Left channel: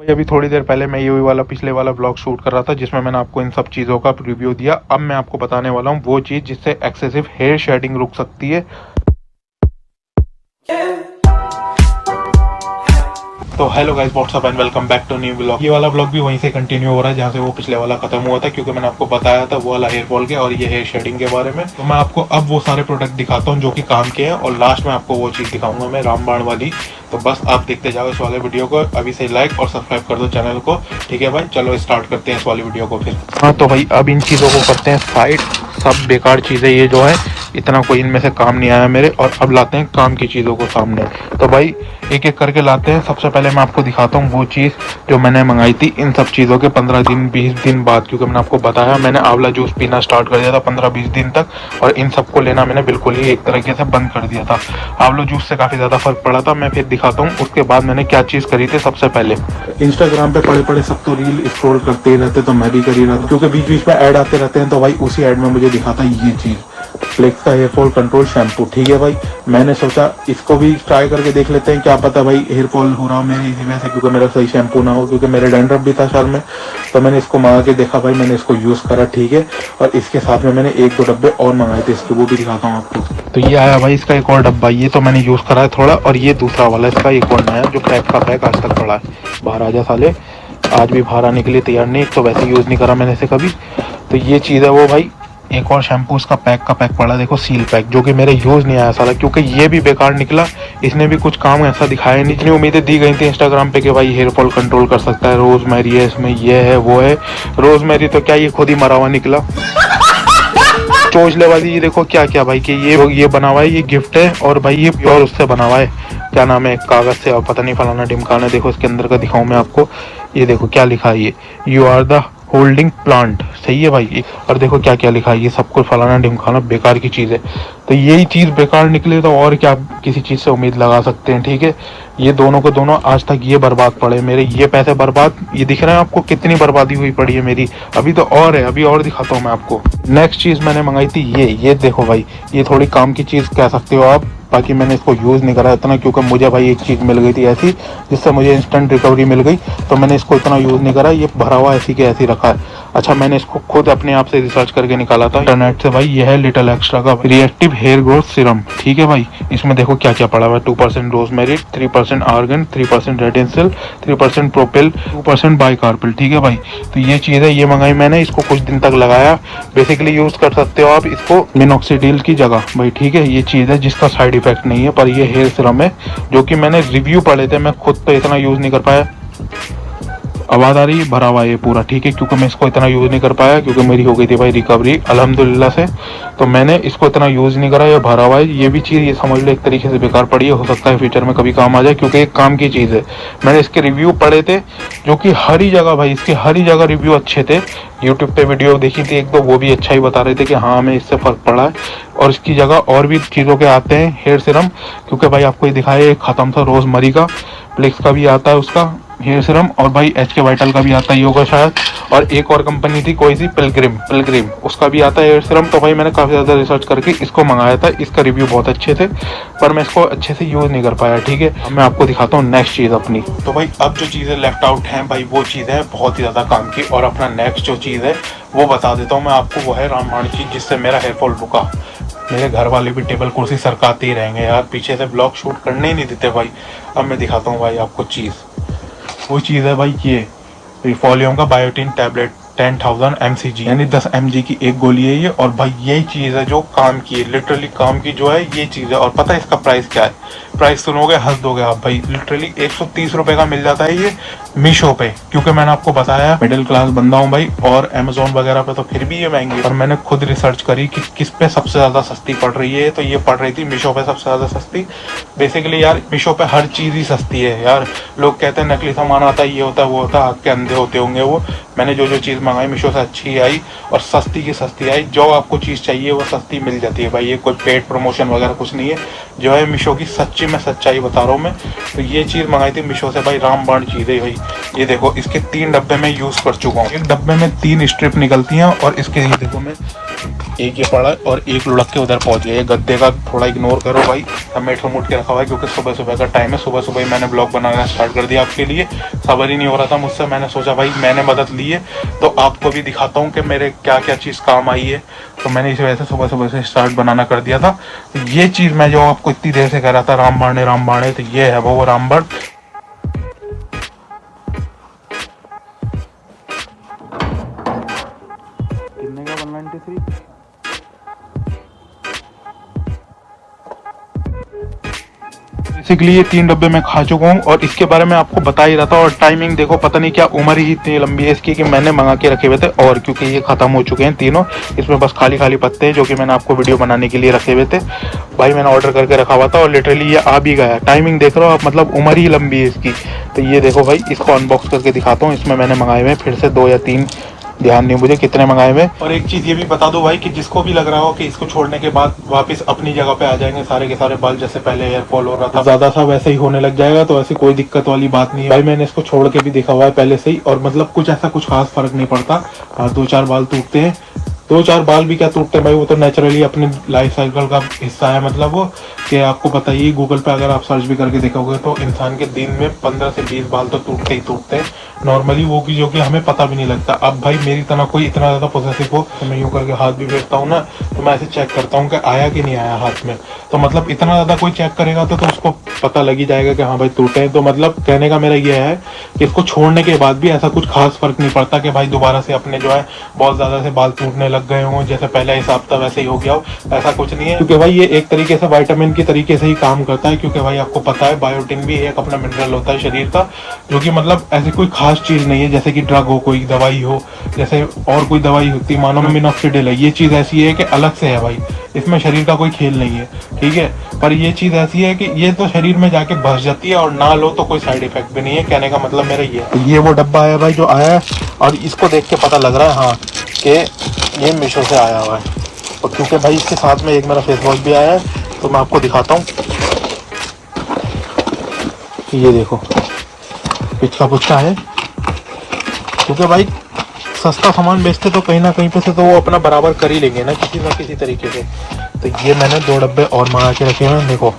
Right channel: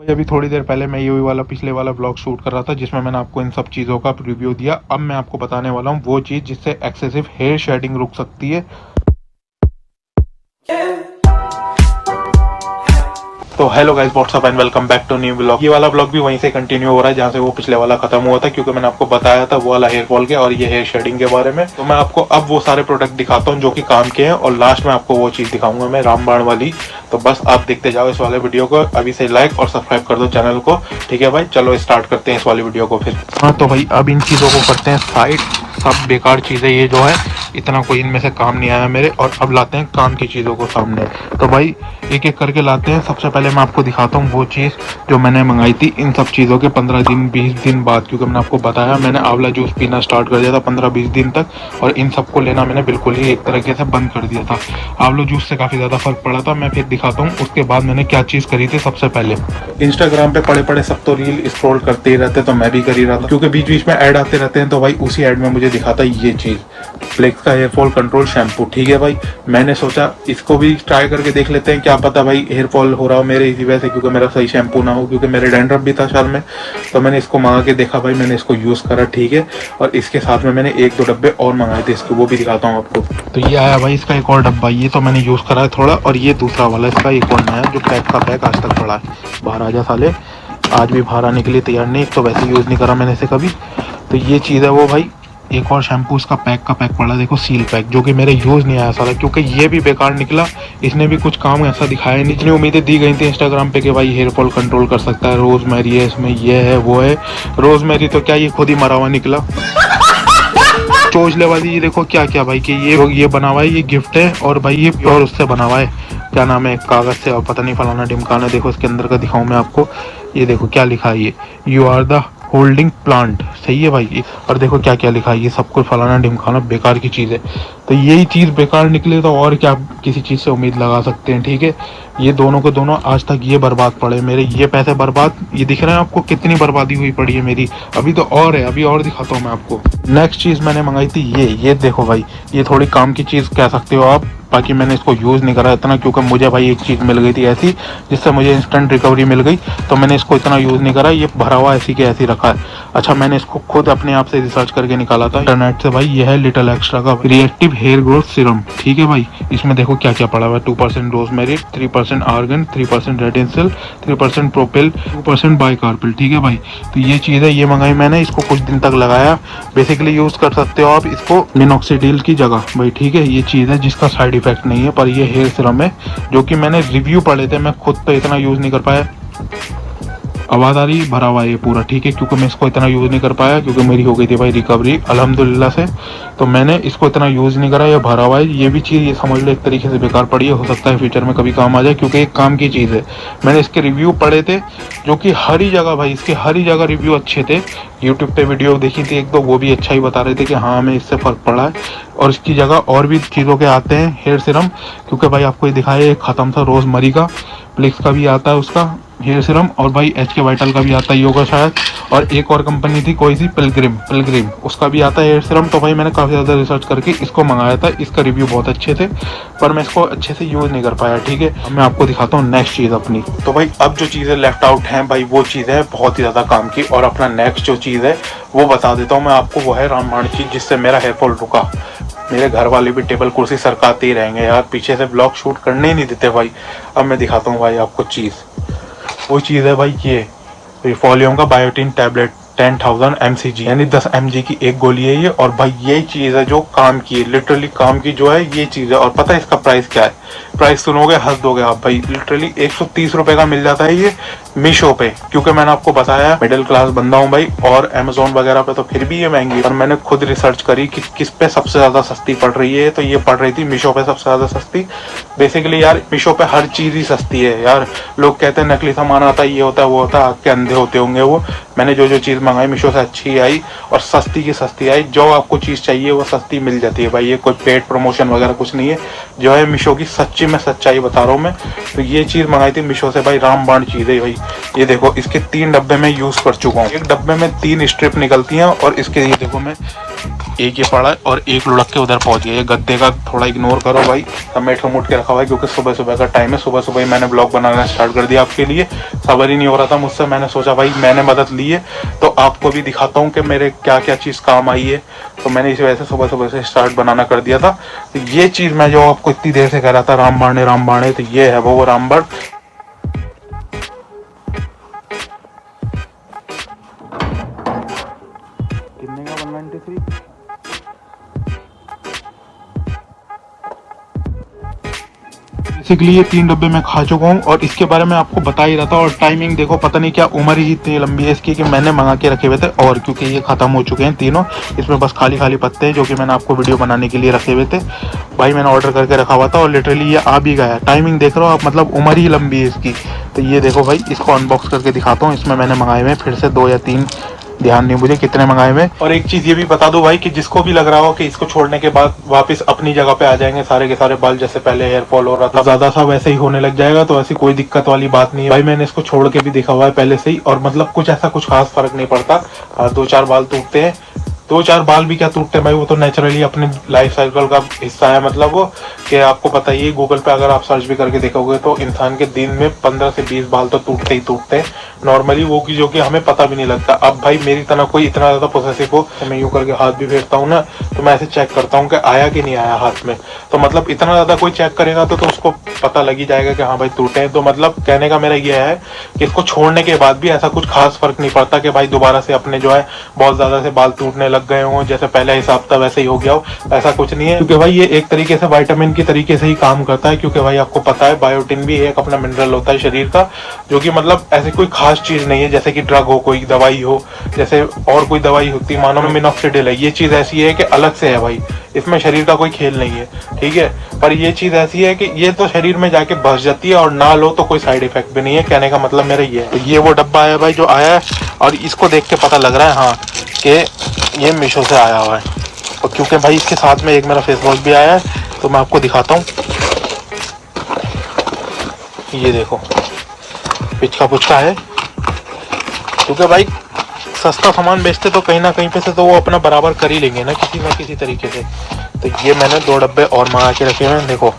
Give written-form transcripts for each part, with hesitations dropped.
भाई अभी थोड़ी देर पहले मैं ये वाला पिछले वाला ब्लॉग शूट कर रहा था जिसमें मैंने आपको इन सब चीज़ों का रिव्यू दिया। अब मैं आपको बताने वाला हूँ वो चीज़ जिससे एक्सेसिव हेयर शेडिंग रुक सकती है। तो hello guys, what's up and welcome back to new blog. ये वाला ब्लॉग भी वहीं से कंटिन्यू हो रहा है जहाँ से वो पिछले वाला खत्म हुआ था, क्योंकि मैंने आपको बताया था वो वाला हेयर फॉल के और ये हेयर शेडिंग के बारे में। तो मैं आपको अब वो सारे प्रोडक्ट दिखाता हूँ जो कि काम के हैं और लास्ट में आपको वो चीज़ दिखाऊंगा मैं रामबाण वाली। तो बस आप देखते जाओ इस वाले वीडियो को, अभी से लाइक और सब्सक्राइब कर दो चैनल को। ठीक है भाई, चलो स्टार्ट करते हैं इस वाली वीडियो को फिर। हाँ तो भाई अब इन चीज़ों को करते हैं साइड। सब बेकार चीज़ें ये जो है, इतना कोई इनमें से काम नहीं आया मेरे, और अब लाते हैं काम की चीज़ों को सामने। तो भाई एक एक करके लाते हैं। सबसे पहले मैं आपको दिखाता हूँ वो चीज़ जो मैंने मंगाई थी इन सब चीज़ों के 15 दिन 20 दिन बाद, क्योंकि मैंने आपको बताया मैंने आंवला जूस पीना स्टार्ट कर दिया था 15-20 दिन तक, और इन सबको लेना मैंने बिल्कुल ही एक तरीके से बंद कर दिया था। आंवला जूस से काफ़ी ज़्यादा फर्क पड़ा था। मैं फिर दिखाता हूँ उसके बाद मैंने क्या चीज़ करी थी। सबसे पहले इंस्टाग्राम पे पड़े पड़े सब तो रील स्क्रॉल करते ही रहते, तो मैं भी कर ही रहा था क्योंकि बीच बीच में ऐड आते रहते हैं। तो भाई उसी ऐड में मुझे दिखाता ये चीज़, फ्लेक्स का हेयर फॉल कंट्रोल शैम्पू। ठीक है भाई, मैंने सोचा इसको भी ट्राई करके देख लेते हैं, क्या पता भाई हेयर फॉल हो रहा हो मेरे इसी वजह से, क्योंकि मेरा सही शैम्पू ना हो, क्योंकि मेरे डैंड्रफ भी था शाल में। तो मैंने इसको मंगा के देखा भाई, मैंने इसको यूज़ करा। ठीक है, और इसके साथ में मैंने 1-2 डब्बे और मंगाए थे इसके, वो भी दिखाता हूँ आपको। तो ये आया भाई इसका एक और डब्बा, ये तो मैंने यूज़ करा है थोड़ा, और ये दूसरा वाला इसका एक और नया जो पैक का पैक आज तक पड़ा है। बाहर आ जा साले, आज भी बाहर आने के लिए तैयार नहीं, तो वैसे यूज़ नहीं करा मैंने इसे कभी। तो ये चीज़ है वो भाई। एक और शैम्पू उसका पैक का पैक पड़ा, देखो सील पैक, जो कि मेरे यूज़ नहीं आया सारा, क्योंकि ये भी बेकार निकला। इसने भी कुछ काम ऐसा दिखाया नहीं। जितनी उम्मीदें दी गई थी इंस्टाग्राम पे कि भाई हेयर फॉल कंट्रोल कर सकता है, रोजमेरी है इसमें, ये है वो है। रोजमेरी तो क्या, ये खुद ही मरा हुआ निकला। चोचले वाली ये देखो क्या क्या भाई, कि ये बना हुआ है, ये गिफ्ट है, और भाई ये प्योर उससे बना हुआ है, क्या नाम है, कागज से, और पता नहीं फलाना ढिमकाना। देखो इसके अंदर का दिखाऊं मैं आपको, ये देखो क्या लिखा है, ये you are the holding plant. सही है भाई, और देखो क्या क्या लिखा है, ये सब कुछ फलाना ढिमकाना बेकार की चीज़ है। तो यही चीज़ बेकार निकले तो और क्या किसी चीज़ से उम्मीद लगा सकते हैं। ठीक है, ये दोनों के दोनों आज तक ये बर्बाद पड़े मेरे, ये पैसे बर्बाद। ये दिख रहा है आपको कितनी बर्बादी हुई पड़ी है मेरी। अभी तो और है, अभी और दिखाता हूँ मैं आपको। नेक्स्ट चीज़ मैंने मंगाई थी ये देखो भाई, ये थोड़ी काम की चीज़ कह सकते हो आप, बाकी मैंने इसको यूज़ नहीं करा इतना, क्योंकि मुझे भाई एक चीज़ मिल गई थी ऐसी जिससे मुझे इंस्टेंट रिकवरी मिल गई, तो मैंने इसको इतना यूज़ नहीं करा। ये भरा हुआ ऐसी के ऐसी रखा है। अच्छा, मैंने इसको खुद अपने आप से रिसर्च करके निकाला था इंटरनेट से भाई। यह है लिटिल एक्स्ट्रा का रिएक्टिव हेयर ग्रोथ सीरम। ठीक है भाई, इसमें देखो क्या क्या पड़ा हुआ है। 2% रोजमेरी, 3% आर्गन, 3% रेडिंसिल, 3% प्रोपिल, 2% बाइकार्पिल। ठीक है भाई, तो ये चीज़ है, ये मंगाई मैंने, इसको कुछ दिन तक लगाया। बेसिकली यूज़ कर सकते हो आप इसको मिनॉक्सिडिल की जगह भाई। ठीक है, ये चीज़ है जिसका साइड इफेक्ट नहीं है, पर ये हेयर सीरम है जो कि मैंने रिव्यू पढ़े थे, मैं खुद तो इतना यूज़ नहीं कर पाया। आवाज़ आ रही है, भरा हुआ है ये पूरा। ठीक है, क्योंकि मैं इसको इतना यूज़ नहीं कर पाया, क्योंकि मेरी हो गई थी भाई रिकवरी अल्हम्दुलिल्लाह से, तो मैंने इसको इतना यूज़ नहीं करा। ये भरा हुआ है, ये भी चीज़ ये समझ लो एक तरीके से बेकार पड़ी है। हो सकता है फ्यूचर में कभी काम आ जाए, क्योंकि एक काम की चीज़ है। मैंने इसके रिव्यू पढ़े थे जो कि हर ही जगह भाई, इसके हर ही जगह रिव्यू अच्छे थे। यूट्यूब पे वीडियो देखी थी एक दो, वो भी अच्छा ही बता रहे थे कि हाँ हमें इससे फ़र्क पड़ा है। और इसकी जगह और भी चीज़ों के आते हैं हेयर सीरम, क्योंकि भाई आपको ये दिखाया ख़त्म था रोजमरी का, फ्लेक्स का भी आता है उसका हेयर सीरम, और भाई HK वाइटल का भी आता है योगा शायद, और एक और कंपनी थी कोई सी पिलग्रिम उसका भी आता है हेयर सीरम। तो भाई मैंने काफ़ी ज़्यादा रिसर्च करके इसको मंगाया था। इसका रिव्यू बहुत अच्छे थे, पर मैं इसको अच्छे से यूज़ नहीं कर पाया। ठीक है, अब मैं आपको दिखाता हूँ नेक्स्ट चीज़ अपनी। तो भाई अब जो चीज़ें लेफ्ट आउट हैं भाई, वो चीज़ है बहुत ही ज़्यादा काम की, और अपना नेक्स्ट जो चीज़ है वो बता देता हूँ मैं आपको। वो है रामबाण चीज़, जिससे मेरा हेयर फॉल रुका। मेरे घर वाले भी टेबल कुर्सी सरकाते ही रहेंगे यार, पीछे से ब्लॉग शूट करने ही नहीं देते भाई। अब मैं दिखाता हूँ भाई आपको चीज़, वो चीज़ है भाई ये रिफॉलियों का बायोटिन टैबलेट 10,000 mcg, यानी 10 mg की एक गोली है ये। और भाई यही चीज़ है जो काम की है, लिटरली काम की जो है ये चीज़ है। और पता है इसका प्राइस क्या है? प्राइस सुनोगे हंस दोगे आप भाई, लिटरली 130 रुपये का मिल जाता है ये मीशो पे, क्योंकि मैंने आपको बताया मिडिल क्लास बंदा हूँ भाई, और अमेजोन वगैरह पे तो फिर भी ये महंगी है। और मैंने खुद रिसर्च करी कि किस पे सबसे ज़्यादा सस्ती पड़ रही है, तो ये पड़ रही थी मीशो पे सबसे ज़्यादा सस्ती। बेसिकली यार मीशो पे हर चीज़ ही सस्ती है यार। लोग कहते हैं नकली सामान आता है, ये होता है वो होता है, आग के अंधे होते होंगे वो। मैंने जो चीज़ मंगाई मीशो से अच्छी आई, और सस्ती की सस्ती आई। जो आपको चीज़ चाहिए वो सस्ती मिल जाती है भाई, ये कोई पेड प्रमोशन वगैरह कुछ नहीं है। जो है मीशो की सच्ची में सच्चाई बता रहा हूँ मैं। तो ये चीज़ मंगाई थी मीशो से भाई, रामबाण चीज़ है भाई। ये देखो इसके 3 डब्बे में यूज़ कर चुका हूँ। एक डब्बे में 3 स्ट्रिप निकलती हैं, और इसके ये देखो मैं एक ये पड़ा है और एक लुढ़क के उधर पहुंच गया। ये गद्दे का थोड़ा इग्नोर करो भाई, समेट मुट के रखा हुआ है क्योंकि सुबह सुबह का टाइम है। सुबह सुबह ही मैंने ब्लॉग बनाना स्टार्ट कर दिया आपके लिए, सबर ही नहीं हो रहा था मुझसे। मैंने सोचा भाई मैंने मदद ली है तो आपको भी दिखाता हूँ कि मेरे क्या क्या चीज़ काम आई है। तो मैंने इस वजह से सुबह सुबह से स्टार्ट बनाना कर दिया था। तो ये चीज़ मैं जो आपको इतनी देर से कह रहा था रामबाण, तो ये है वो रामबाण। कितने का 193? बेसिकली ये 3 डब्बे मैं खा चुका हूँ और इसके बारे में आपको बता ही रहा था। और टाइमिंग देखो, पता नहीं क्या उम्र ही इतनी लंबी है इसकी कि मैंने मंगा के रखे हुए थे और क्योंकि ये खत्म हो चुके हैं तीनों, इसमें बस खाली खाली पत्ते हैं जो कि मैंने आपको वीडियो बनाने के लिए रखे हुए थे। भाई मैंने ऑर्डर करके रखा हुआ था और लिटरली ये आ भी गया। टाइमिंग देख रहे हो आप, मतलब उम्र ही लंबी है इसकी। तो ये देखो भाई, इसको अनबॉक्स करके दिखाता हूँ। इसमें मैंने मंगाए हुए फिर से 2 या 3, ध्यान नहीं मुझे कितने मंगाए हुए। और एक चीज ये भी बता दो भाई कि जिसको भी लग रहा हो कि इसको छोड़ने के बाद वापस अपनी जगह पे आ जाएंगे सारे के सारे बाल, जैसे पहले हेयर फॉल हो रहा था ज्यादा सा वैसे ही होने लग जाएगा, तो ऐसी कोई दिक्कत वाली बात नहीं है भाई। मैंने इसको छोड़ के भी देखा हुआ है पहले से ही और मतलब कुछ ऐसा कुछ खास फर्क नहीं पड़ता। 2-4 बाल टूटते हैं, 2-4 बाल भी क्या टूटते हैं भाई, वो तो नेचुरली अपनी लाइफ साइकिल का हिस्सा है। मतलब वो कि आपको पता ही, गूगल पे अगर आप सर्च भी करके देखोगे तो इंसान के दिन में 15 से 20 बाल तो टूटते ही टूटते हैं नॉर्मली, वो की जो कि हमें पता भी नहीं लगता। अब भाई मेरी तरह कोई इतना ज्यादा पॉसेसिव हो, मैं यूं करके हाथ भी भेजता हूँ ना तो मैं ऐसे चेक करता हूँ कि आया कि नहीं आया हाथ में। तो मतलब इतना ज्यादा कोई चेक करेगा तो उसको पता लग ही जाएगा कि हाँ भाई टूटे हैं। तो मतलब कहने का मेरा ये है कि इसको छोड़ने के बाद भी ऐसा कुछ खास फर्क नहीं पड़ता कि भाई दोबारा से अपने जो है बहुत ज्यादा से बाल टूटने लग गए हों, जैसे पहले हिसाब था वैसे ही हो गया हो, ऐसा कुछ नहीं है। क्योंकि भाई ये एक तरीके से विटामिन की तरीके से ही काम करता है। क्योंकि भाई आपको पता है बायोटिन भी एक अपना मिनरल होता है शरीर का, जो कि मतलब ऐसी कोई खास चीज नहीं है जैसे कि ड्रग हो, कोई दवाई हो, जैसे और कोई दवाई होती है मानो मिनोक्सिडिल है। ये चीज ऐसी है कि अलग से है भाई, इसमें शरीर का कोई खेल नहीं है, ठीक है। पर ये चीज ऐसी है कि ये तो शरीर में जाके बस जाती है और ना लो तो कोई साइड इफेक्ट भी नहीं है। कहने का मतलब मेरा ये है। तो ये वो डब्बा है भाई जो आया है और इसको देख के पता लग रहा है हाँ कि ये मीशो से आया हुआ है। और क्योंकि भाई इसके साथ में एक मेरा फेस वॉश भी आया है तो मैं आपको दिखाता हूँ। ये देखो पिचका पुचका है, क्योंकि भाई सस्ता सामान बेचते तो कहीं ना कहीं पे से तो वो अपना बराबर कर ही लेंगे ना किसी तरीके से। तो ये मैंने 2 डब्बे और मंगा के रखे हैं, देखो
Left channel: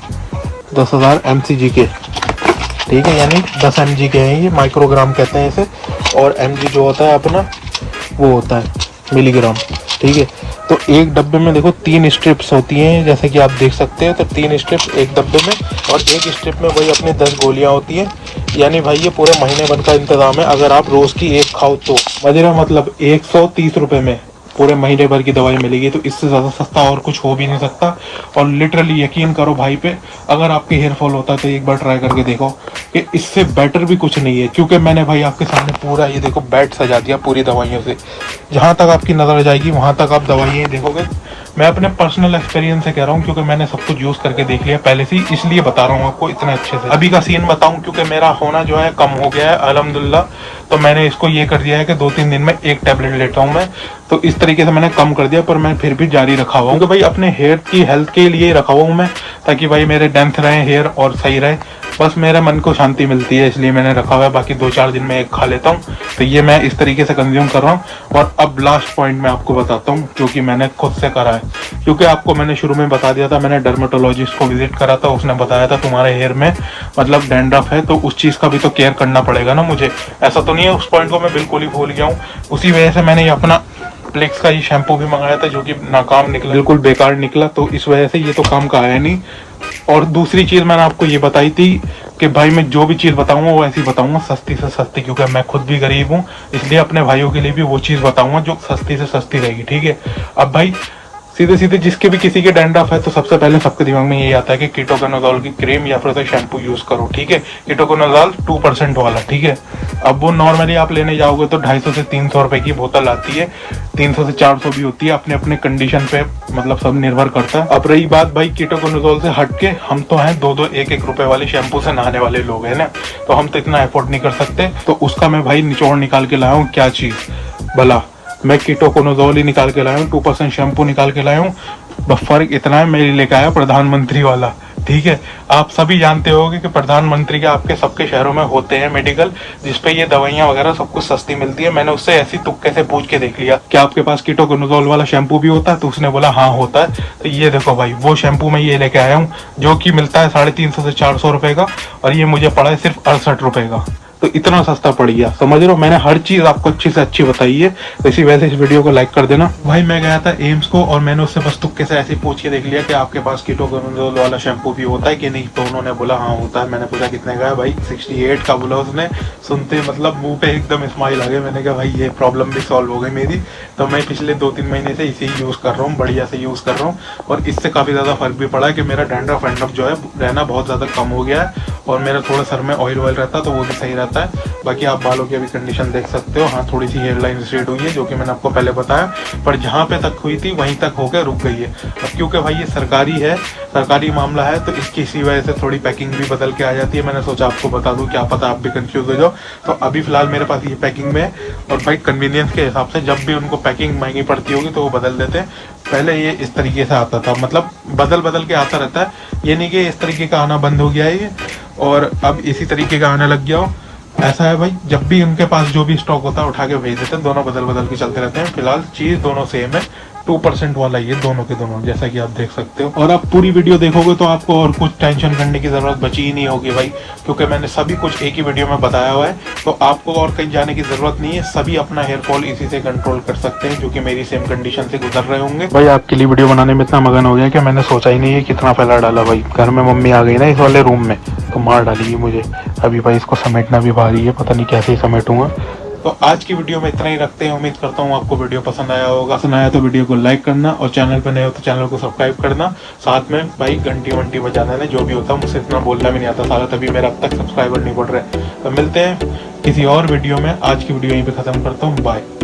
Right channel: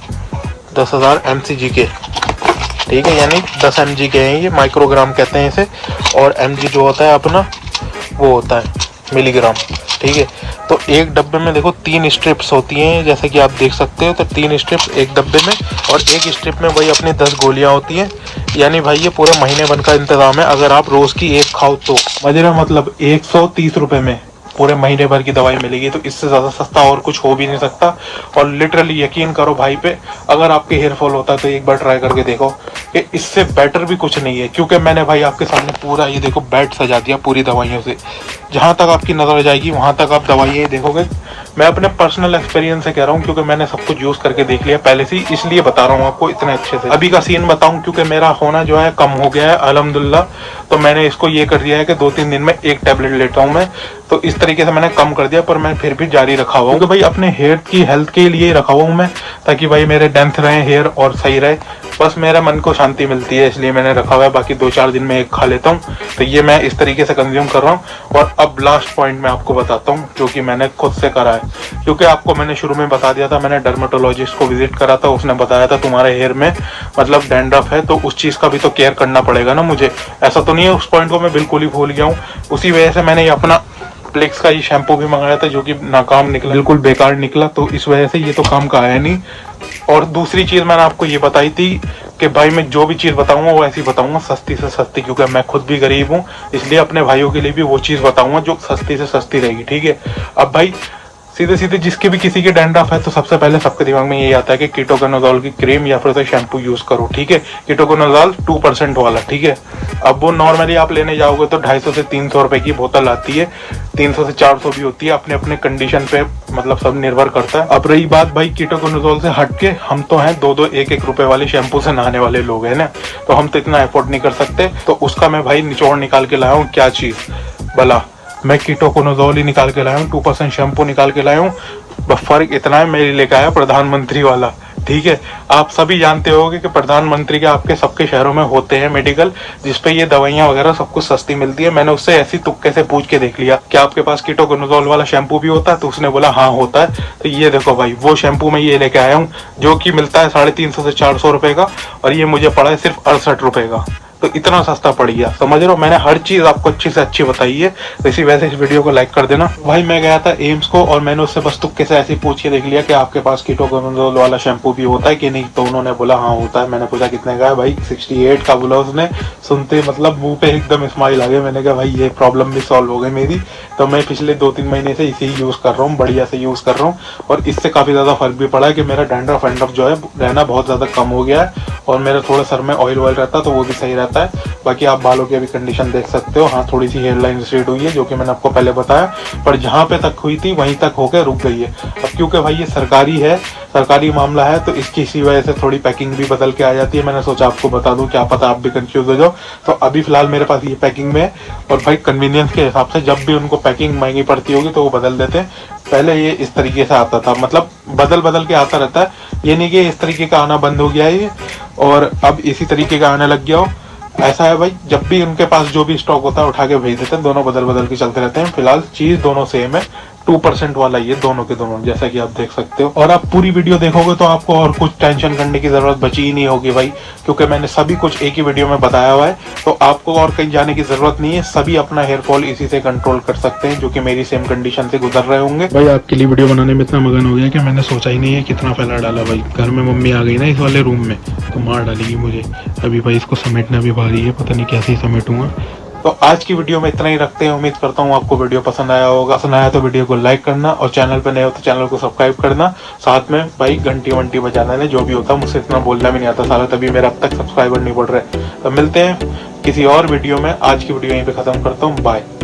10,000 mcg के, ठीक है, यानी 10 mg के हैं ये, माइक्रोग्राम कहते हैं इसे। और mg जो होता है अपना वो होता है मिलीग्राम, ठीक है। तो एक डब्बे में देखो 3 स्ट्रिप्स होती हैं जैसे कि आप देख सकते हो। तो 3 स्ट्रिप्स एक डब्बे में और एक स्ट्रिप में वही अपनी 10 गोलियां होती हैं। यानी भाई ये पूरे महीने भर का इंतजाम है अगर आप रोज की एक खाओ तो। मजेदार मतलब 130 रुपए में पूरे महीने भर की दवाई मिलेगी। तो इससे ज़्यादा सस्ता और कुछ हो भी नहीं सकता। और लिटरली यकीन करो भाई पे, अगर आपके हेयर फॉल होता है तो एक बार ट्राई करके देखो कि इससे बेटर भी कुछ नहीं है। क्योंकि मैंने भाई आपके सामने पूरा ये देखो बेड सजा दिया पूरी दवाइयों से, जहाँ तक आपकी नज़र जाएगी वहाँ तक आप दवाइयाँ देखोगे। मैं अपने पर्सनल एक्सपीरियंस से कह रहा हूँ क्योंकि मैंने सब कुछ यूज़ करके देख लिया पहले से, इसलिए बता रहा हूँ आपको इतने अच्छे से। अभी का सीन बताऊँ क्योंकि मेरा होना जो है कम हो गया है अल्हम्दुलिल्लाह। तो मैंने इसको ये कर दिया है कि 2-3 दिन में एक टैबलेट लेता हूँ मैं। तो इस तरीके से मैंने कम कर दिया, पर मैं फिर भी जारी रखा हुआ हूँ क्योंकि भाई अपने हेयर की हेल्थ के लिए रखा हुआ हूँ मैं, ताकि भाई मेरे डेंथ रहे हेयर और सही रहे। बस मेरे मन को शांति मिलती है इसलिए मैंने रखा हुआ है। बाकी 2-4 दिन में एक खा लेता हूँ। तो ये मैं इस तरीके से कंज्यूम कर रहा हूँ। और अब लास्ट पॉइंट मैं आपको बताता हूँ जो कि मैंने खुद से करा है। क्योंकि आपको मैंने शुरू में बता दिया था, मैंने डर्मेटोलॉजिस्ट को विजिट करा था, उसने बताया था तुम्हारे हेयर में मतलब डैंड्रफ है, तो उस चीज़ का भी तो केयर करना पड़ेगा ना मुझे। ऐसा तो नहीं है उस पॉइंट को मैं बिल्कुल ही भूल गया हूँ। उसी वजह से मैंने ये अपना प्लिक्स का ही शैम्पू भी मंगाया था जो कि नाकाम निकला, बिल्कुल बेकार निकला। तो इस वजह से ये तो काम का है नहीं। और दूसरी चीज़ मैंने आपको ये बताई थी कि भाई मैं जो भी चीज़ बताऊंगा वो ऐसी बताऊंगा सस्ती से सस्ती, क्योंकि मैं खुद भी गरीब हूँ, इसलिए अपने भाइयों के लिए भी वो चीज़ बताऊंगा जो सस्ती से सस्ती रहेगी, ठीक है। अब भाई सीधे सीधे जिसके भी किसी के डैंड्रफ है तो सबसे पहले सबके दिमाग में ये आता है कि कीटोकोनाजोल की क्रीम या फिर शैम्पू यूज करो, ठीक है। कीटोकोनाजोल 2% वाला, ठीक है। अब वो नॉर्मली आप लेने जाओगे तो 250 से 300 रुपए की बोतल आती है, 300 से 400 भी होती है, अपने अपने कंडीशन पे मतलब सब निर्भर करता है। अब रही बात भाई कीटोकोनाजोल से हटके, हम तो हैं 2-2, 1-1 रुपए वाले शैम्पू से नहाने वाले लोग हैं ना, तो हम तो इतना एफोर्ड नहीं कर सकते। तो उसका मैं भाई निचोड़ निकाल के लाया हूँ क्या चीज़ भला, मैं कीटोकोनाजोल ही निकाल के लाया हूँ, 2% शैम्पू निकाल के लाया हूँ। बस फर्क इतना है मेरे लेके आया प्रधानमंत्री वाला, ठीक है। आप सभी जानते होंगे कि प्रधानमंत्री के आपके सबके शहरों में होते हैं मेडिकल, जिसपे ये दवाइयां वगैरह सब कुछ सस्ती मिलती है। मैंने उससे ऐसी तुक्के से पूछ के देख लिया कि आपके पास कीटोकोनाजोल वाला शैम्पू भी होता है, तो उसने बोला हाँ होता है। तो ये देखो भाई, वो शैम्पू मैं ये लेके आया हूँ, जो कि मिलता है 350 से 400 रुपए का, और ये मुझे पड़ा है सिर्फ 68 रुपए का। तो इतना सस्ता पड़ गया, समझ रहे हो। मैंने हर चीज आपको अच्छी से अच्छी बताई है। इसी वजह से इस वीडियो को लाइक कर देना। भाई मैं गया था एम्स को, और मैंने उससे बस तुक्के से ऐसे पूछ के देख लिया कि आपके पास कीटोकोनाजोल वाला शैम्पू भी होता है कि नहीं। तो उन्होंने बोला हाँ होता है। मैंने पूछा कितने का है, भाई 68 का बोला उसने। सुनते मतलब मुंह पे एकदम स्माइल आ गया। मैंने कहा भाई ये प्रॉब्लम भी सॉल्व हो गई मेरी। तो मैं पिछले 2-3 महीने से इसे ही यूज कर रहा हूँ, बढ़िया से यूज कर रहा हूँ, और इससे काफी ज्यादा फर्क भी पड़ा है कि मेरा डैंड्रफ वैंड्रफ जो है रहना बहुत ज्यादा कम हो गया है, और मेरा थोड़ा सर में ऑयल वॉयल रहता है तो वो भी सही रहता है। बाकी आप बालों की अभी कंडीशन देख सकते हो। हाँ थोड़ी सी हेयर लाइन स्ट्रेट हुई है, जो कि मैंने आपको पहले बताया, पर जहाँ पे तक हुई थी वहीं तक होकर रुक गई है। अब क्योंकि भाई ये सरकारी है, सरकारी मामला है, तो इसकी इसी वजह से थोड़ी पैकिंग भी बदल के आ जाती है। मैंने सोचा आपको बता दूं, क्या पता आप भी कंफ्यूज हो जाओ। तो अभी फिलहाल मेरे पास ये पैकिंग में है, और भाई कन्वीनियंस के हिसाब से जब भी उनको पैकिंग महंगी पड़ती होगी तो वो बदल देते हैं। पहले ये इस तरीके से आता था, मतलब बदल बदल के आता रहता है, ये नहीं कि इस तरीके का आना बंद हो गया है ये और अब इसी तरीके का आने लग गया हो। ऐसा है भाई, जब भी उनके पास जो भी स्टॉक होता है उठा के भेज देते हैं। दोनों बदल बदल के चलते रहते हैं। फिलहाल चीज दोनों सेम है, 2% वाला ये दोनों के दोनों, जैसा कि आप देख सकते हो। और आप पूरी वीडियो देखोगे तो आपको और कुछ टेंशन करने की जरूरत बची ही नहीं होगी भाई, क्योंकि मैंने सभी कुछ एक ही वीडियो में बताया हुआ है। तो आपको और कहीं जाने की जरूरत नहीं है। सभी अपना हेयर फॉल इसी से कंट्रोल कर सकते हैं, जो कि मेरी सेम कंडीशन से गुजर रहे होंगे। भाई आपके लिए वीडियो बनाने में इतना मगन हो गया कि मैंने सोचा ही नहीं है कितना फैला डाला। भाई घर में मम्मी आ गई ना इस वाले रूम में, तो मार डालेगी मुझे। अभी भाई इसको समेटना भी भारी है, पता नहीं कैसे समेटूंगा। तो आज की वीडियो में इतना ही रखते हैं। उम्मीद करता हूँ आपको वीडियो पसंद आया होगा। पसंद आया तो वीडियो को लाइक करना, और चैनल पर नए हो तो चैनल को सब्सक्राइब करना। साथ में भाई घंटी वंटी बजा देना, जो भी होता है। मुझसे इतना बोलना भी नहीं आता सारा, तभी मेरा अब तक सब्सक्राइबर नहीं बढ़ रहे। तो मिलते हैं किसी और वीडियो में। आज की वीडियो यहीं पे खत्म करता हूँ। बाय।